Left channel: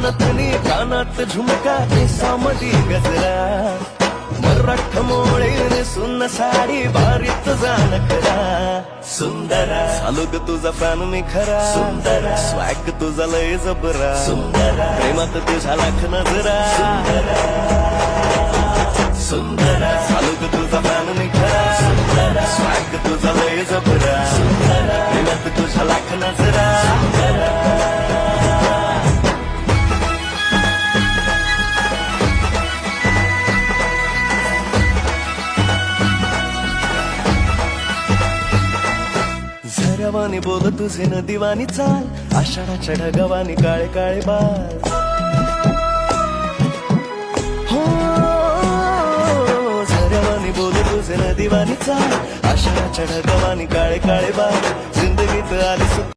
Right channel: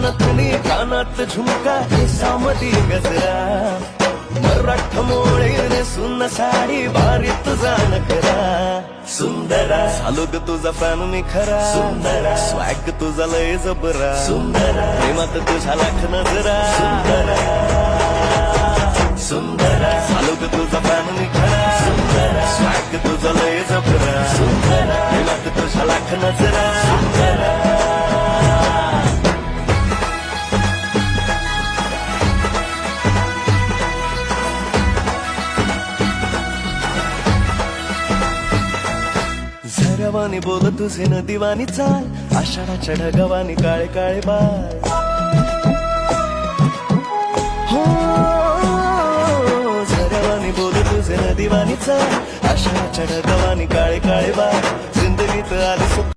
नथनी कानात झुमका केसामधी गजरा मराठ मोळीने सुन्न साडी भारी तुझा नखरा सुंदरा झालो ग तुझा फॅन मी खरा सुंदरा स्वॅग तुझा लय जबरा सुंदरा प्रेमात तुझ्या लाख नजरा सुंदरा झालो ग तुझा फॅन मी खरा स्वॅग तुझा लय जबरा प्रेमात तुझ्या लाख नजरा झऱ्यावानी बोल तुझे नदीवानी चाल आषाढाच्या ढगावानी काळे काळे बाल हो झऱ्यावानी बोल तुझे नदीवानी चाल आषाढाच्या ढगावानी काळे काळे बाल जिंदगीत आली